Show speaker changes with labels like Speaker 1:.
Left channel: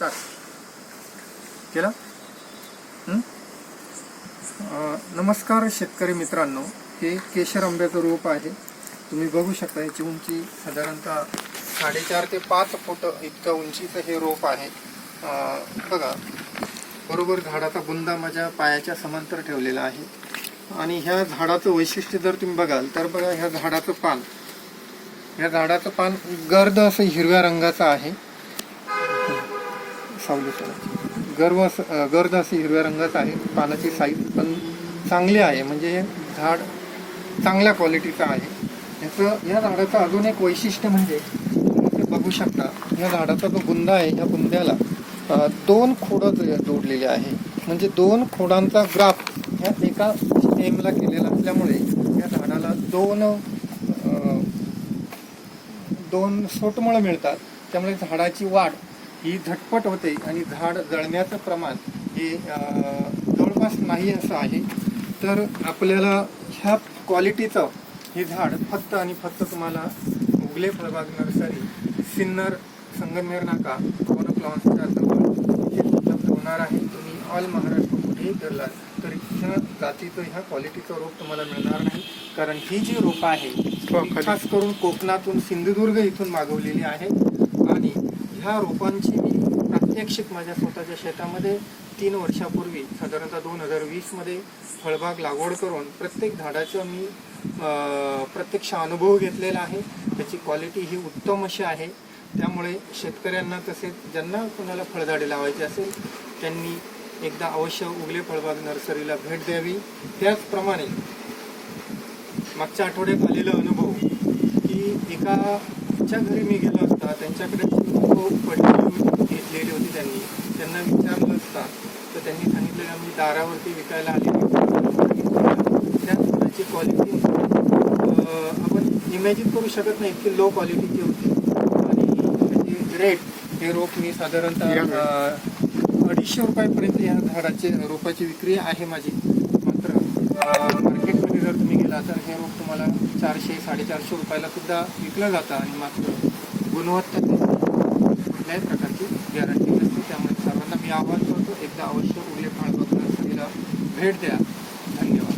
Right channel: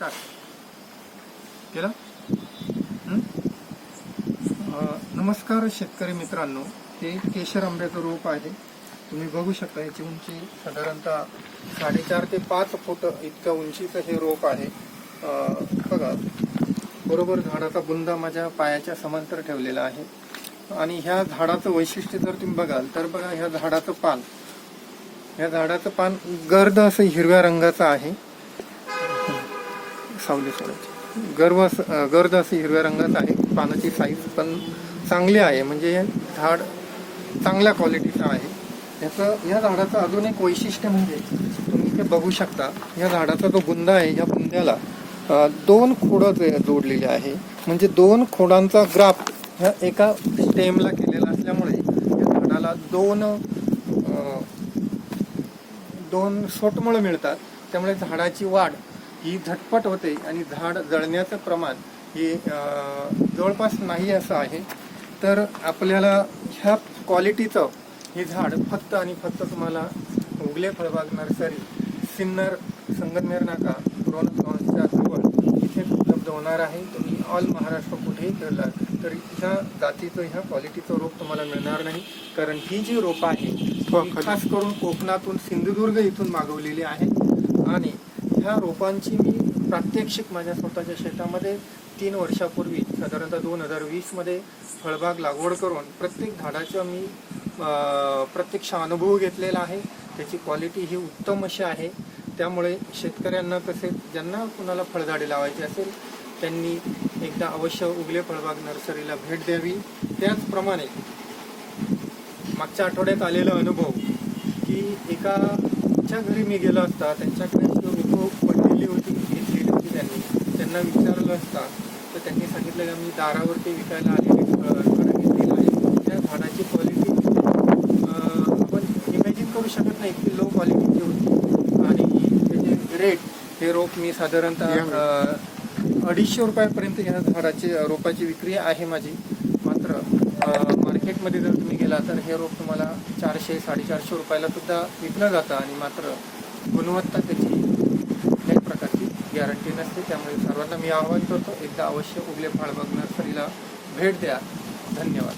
Speaker 1: काय? केलं? नमस्कार शेतकरी मित्रांनो. हे केशर आंब्याचं रोप आहे. तुम्ही बघू शकता याची उंची साधारणतः साडेचार ते पाच फूट इतकं उंचीचं हे रोप आहे. बघा बरोबर झाडाचा बुंदा माझ्या पायाच्या समांतर ठेवलेला आहे. आणि ह्या झाडाचं वैशिष्ट्य जर तुम्ही बघाल तर बघा ह्या झाडाचं पान. ह्या झाडाचं पान गर्द असं हिरव्या रंगाचं आहे. सावली सोडायची. गर्व असं- गर्द असे हिरव्या रंगाचं आहे पानाची साईज पण चांगली आहे. म्हणजे झाड चांगल्या क्वालिटीचं आहे. याचं या झाडाचं अजून एक वैशिष्ट्य म्हणजे तुम्ही ते बघू शकता या झाडाचा जो बुंदा आहे या बुंद्याला दोन खोडं जोडलेले आहे. म्हणजे दोन खोडांचा ग्राफ ह्या एका स्टेमला केलेला असल्यामुळे या झाडाला दोन दोन सोटमुळं मिळतात. त्यामुळे झाडाची वाढ ही झटपट होते आणि झाड जळण्याचं प्रमाण हे जवळपास नाही असं आहे. तर आपल्याला ह्या क्वालिटीचं हे झाड फक्त आणि फक्त तुम्हाला उगले फळबाग नर्सरी सिन्नर संगमनेर नाका रौनक लॉन्सच्या जवळ इथे उपलब्ध होणार आहे. तुम्ही ऑल महाराष्ट्र कुठेही फिरलात तर ह्या जातीचं ह्या क्वालिटीचं रोप तुम्हाला मिळणार नाही. कारण ही जी रोपं आहे ती खास करून कोकणातून सिंधुदुर्ग इथून मागवलेली आहे आणि ह्या रोपांची मी प्रात्यक्षिक माझ्या स्वतःच्या शेतामध्ये तीन वर्षापूर्वी साधारणतः दोन हजार वीसमध्ये फळबाग लागवड करून प्रत्येक झाडाचा मी प्रत्यक्ष अनुभव घेतलेला आहे. त्याची क्वालिटी ही उत्तम अशी आहे. त्यामुळे शेतकऱ्यांना तसेच ज्यांना कुणाला फळझाडे लावायची असेल त्यांनी एकदा अवश्य उगले फळबाग नर्सरीला भेट द्यावी. त्याचप्रमाणे मागच्या आठवड्यात आलेला अनुभव की एका घरी मी गेलो असता त्यांच्याकडे पडलेली होती घेतलेली होती त्यांनी त्यांना विचारलं असता. तर त्यांनी सांगितलं की आम्ही दारावरती विकायला आलेली फळं त्या झाडाची क्वालिटी आपण इमॅजिन करू शकत नाही की लो क्वालिटीची होती. आणि त्याचे रेट हे रोप मी साधारणतः अडीचशे रुपयापर्यंत या झाडाची रोपाची विक्री आहे माझी. मार्केटमध्ये जर तुम्ही गेला तर हे रोप तुम्हाला चारशे साडेचारशे रुपयाला सुद्धा विकलं जातं आणि मात्र गुणवत्ता त्याची कुठल्याही प्रकारची गॅरंटी नसते. त्यामुळे सर्वांना मी आवाहन करतो एकदा अवश्य उगले फाळबाग नर्सरीला भेट द्या. धन्यवाद.